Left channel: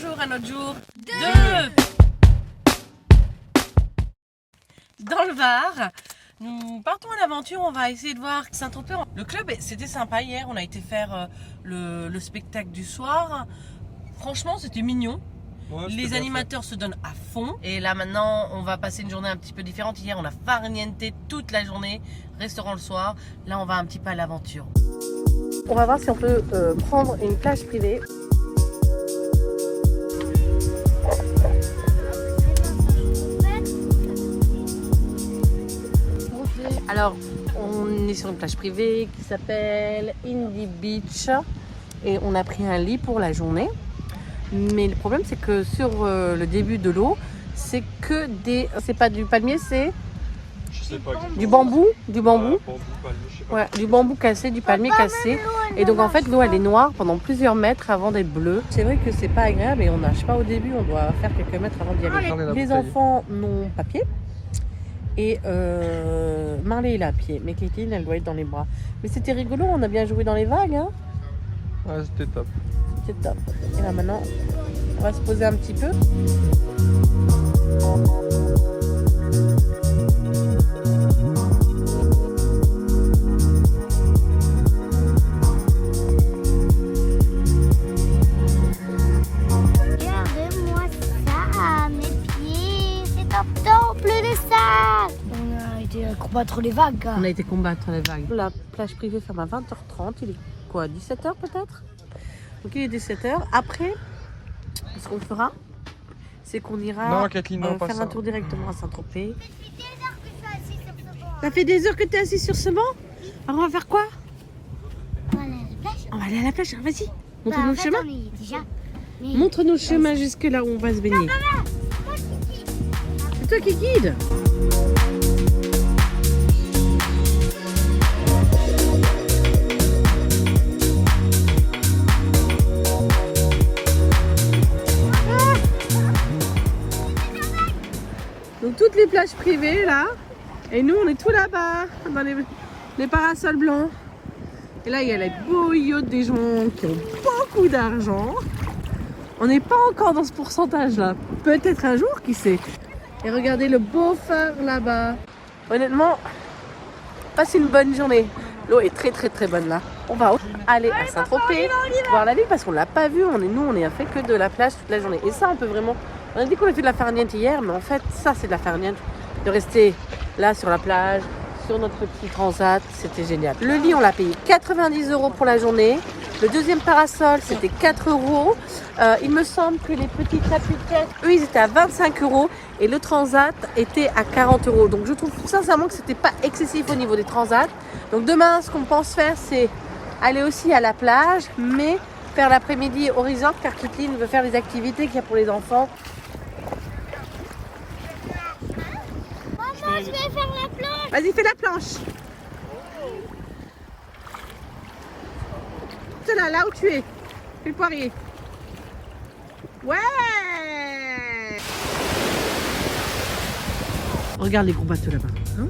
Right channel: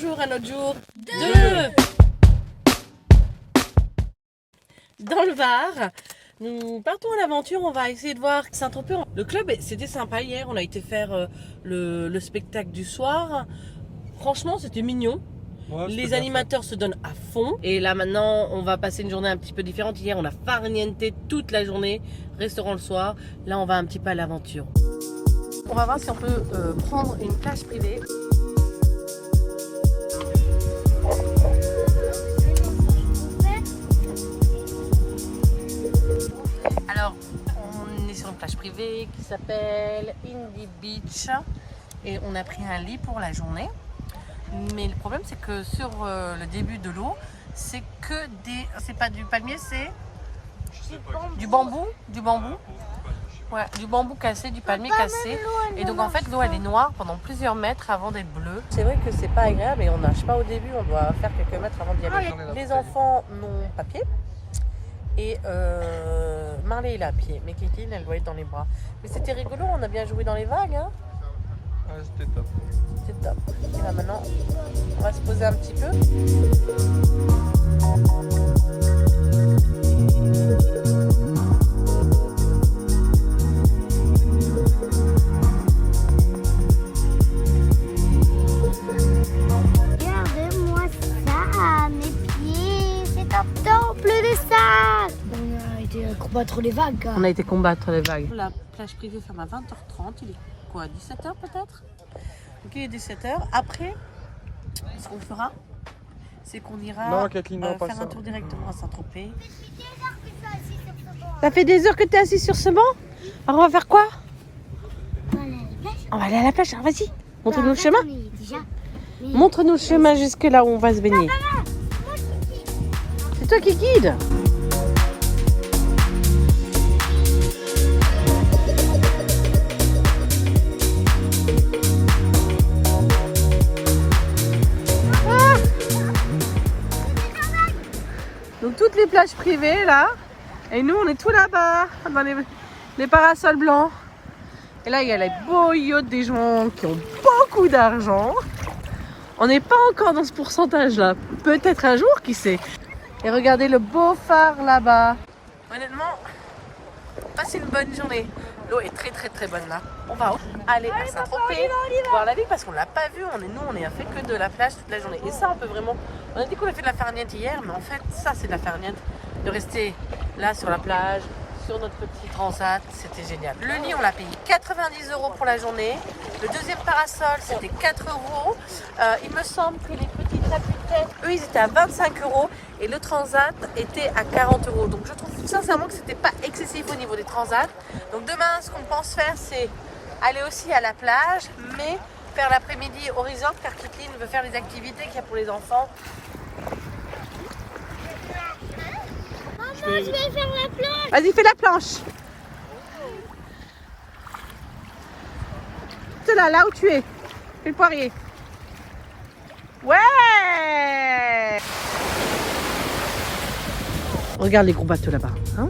bonjour à notre jour 2 dans le Var. Nous partons à l'aventure, on va essayer de voir Saint-Tropez. Le club, c'était sympa hier, on a été faire le spectacle du soir. Franchement, c'était mignon. Ouais, les animateurs se donnent à fond. Et là maintenant, on va passer une journée un petit peu différente. Hier, on a farniente toute la journée, restaurant le soir. Là, on va un petit peu à l'aventure. On va voir si on peut prendre une plage privée. Alors, on est sur une plage privée qui s'appelle Indy Beach et on a pris un lit pour la journée. Mais le problème, c'est que sur le début de l'eau, c'est que des... C'est pas du palmier, c'est... Je sais pas. Du bambou. Du bambou. Ouais, du bambou cassé, du palmier cassé. Et donc en fait, l'eau, elle est noire pendant plusieurs mètres avant d'être bleue. C'est vrai que c'est pas agréable et on nage pas au début, on doit faire quelques mètres avant d'y aller. Les enfants n'ont pas pied. Et Marley il a à pied, mais Kétine elle doit être dans les bras. Mais c'était rigolo, on a bien joué dans les vagues. Hein. Ouais, c'était top. C'était top. Et là maintenant, on va se poser un petit peu. Regardez-moi ça, mes pieds, c'est top top, les sacs. On a été combattre les vagues. On a été combattre les vagues. La plage privée ferme à 20h30, il est quoi, 17h peut-être? Donc il est 17h. Après, ce qu'on fera, c'est qu'on ira faire un tour directement à Saint-Tropez. Ça fait des heures que tu es assis sur ce banc? Alors on va faire quoi? On va aller à la plage. Vas-y, montre-nous le chemin. Montre-nous le chemin jusque là où on va se baigner. C'est toi qui guide. Donc toutes les plages privées là, et nous on est tout là-bas, dans les parasols blancs. Et là il y a les beaux yachts des gens qui ont beaucoup d'argent. On n'est pas encore dans ce pourcentage là, peut-être un jour, qui sait. Et regardez le beau phare là-bas. Honnêtement, passez une bonne journée. L'eau est très très très bonne là. On va aller à Saint-Tropez, voir la ville parce qu'on l'a pas vu. Nous on est fait que de la plage toute la journée. Et ça on peut vraiment... On a dit qu'on a fait de la farniente hier, mais en fait ça c'est de la farniente. De rester là sur la plage, sur notre petit transat, c'était génial. Le lit on l'a payé 90 € pour la journée. Le deuxième parasol c'était 4 €. Il me semble que les petits tapis de tête, eux ils étaient à 25 € et le transat était à 40 €. Donc je trouve sincèrement que c'était pas excessif au niveau des transats. Donc demain ce qu'on pense faire c'est aller aussi à la plage, mais faire l'après-midi au resort car Kitline veut faire les activités qu'il y a pour les enfants. Maman, je vais faire la planche. Vas-y, fais la planche. C'est là où tu es. Fais le poirier. Ouais. Regarde les gros bateaux là-bas. Hein?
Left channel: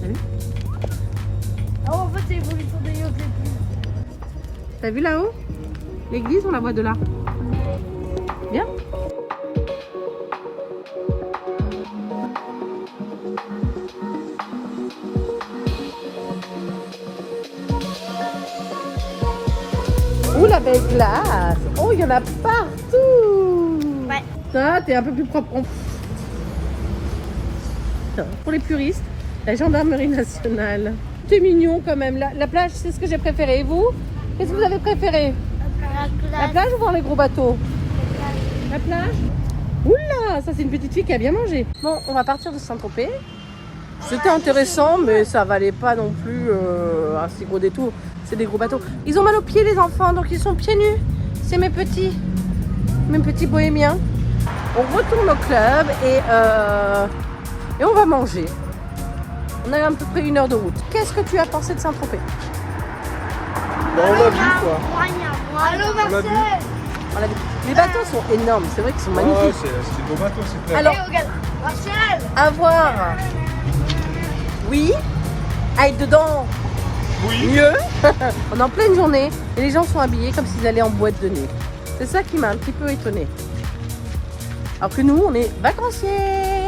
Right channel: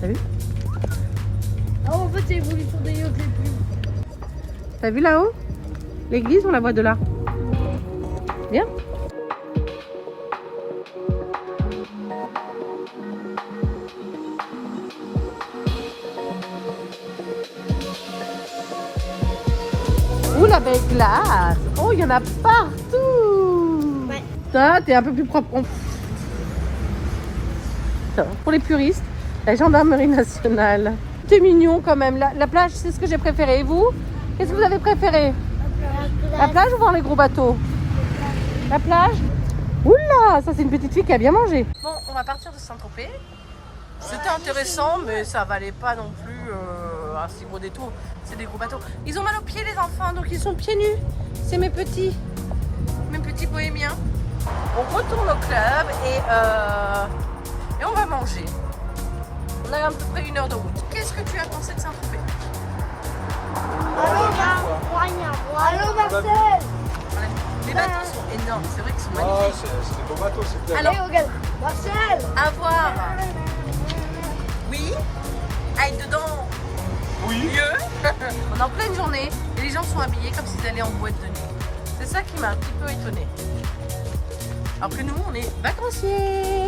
T'as vu? Ah, en fait, c'est l'évolution des yachts le plus. T'as vu là-haut? L'église, on la voit de là. Bien. Ouh, la belle glace. Oh, il y en a partout. Ouais. Toi, t'es un peu plus propre. Pour les puristes, la gendarmerie nationale. C'est mignon quand même. La plage, c'est ce que j'ai préféré. Et vous? Qu'est-ce que vous avez préféré? La plage ou voir les gros bateaux? La plage? Oula, ça c'est une petite fille qui a bien mangé. Bon, on va partir de Saint-Tropez. C'était intéressant, mais ça valait pas non plus un si gros détour. C'est des gros bateaux. Ils ont mal aux pieds les enfants, donc ils sont pieds nus. C'est mes petits bohémiens. On retourne au club et on va manger. On a à peu près 1 heure de route. Qu'est-ce que tu as pensé de Saint-Tropez? Bah, on l'a vu quoi. On l'a vu. Les bateaux sont énormes, c'est vrai qu'ils sont Ouais, magnifiques. c'est des beaux bateaux, c'est clair. Alors, à voir, oui, à être dedans, oui. mieux. On est en pleine journée et les gens sont habillés comme s'ils allaient en boîte de nuit. C'est ça qui m'a un petit peu étonnée. Alors que nous, on est vacanciers.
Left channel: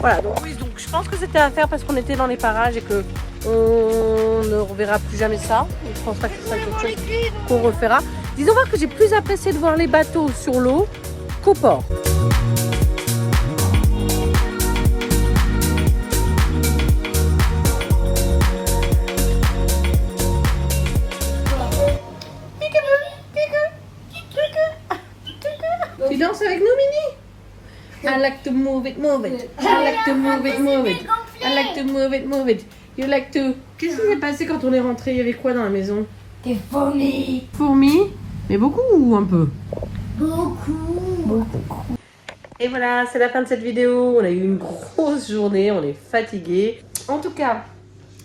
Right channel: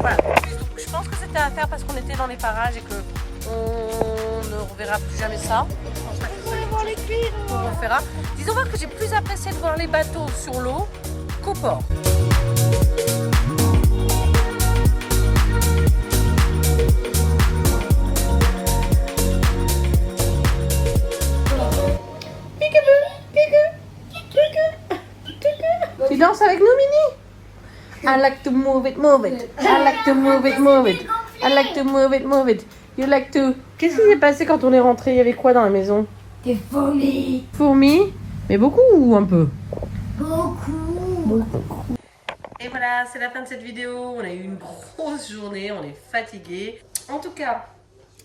Voilà, donc oui, donc je pense que c'était à faire parce qu'on était dans les parages et que on ne reverra plus jamais ça. Donc je pense pas que ce soit quelque chose qu'on refera. Disons voir que j'ai plus apprécié de voir les bateaux sur l'eau qu'au port. Tu danses avec nous, Mini? I like to move it, move it. I like to move it, move it. I like to move it, move it. You like to... Qu'est-ce qui s'est passé quand on est rentré? Il y avait quoi dans la maison? Des fourmis. Fourmis? Mais beaucoup ou un peu? Beaucoup. Et voilà, c'est la fin de cette vidéo. On a eu une grosse journée, on est fatigué. En tout cas,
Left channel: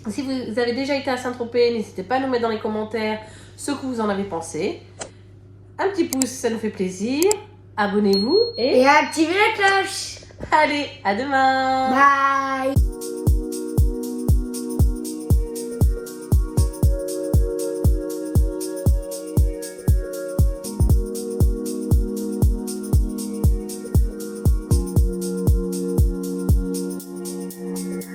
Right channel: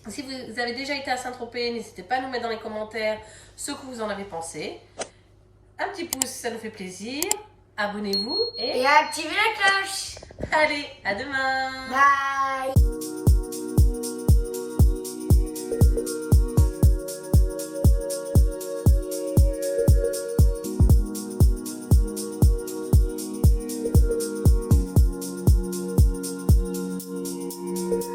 si vous avez déjà été à Saint-Tropez, n'hésitez pas à nous mettre dans les commentaires ce que vous en avez pensé. Un petit pouce, ça nous fait plaisir. Abonnez-vous Et activez la cloche. Allez, à demain. Bye.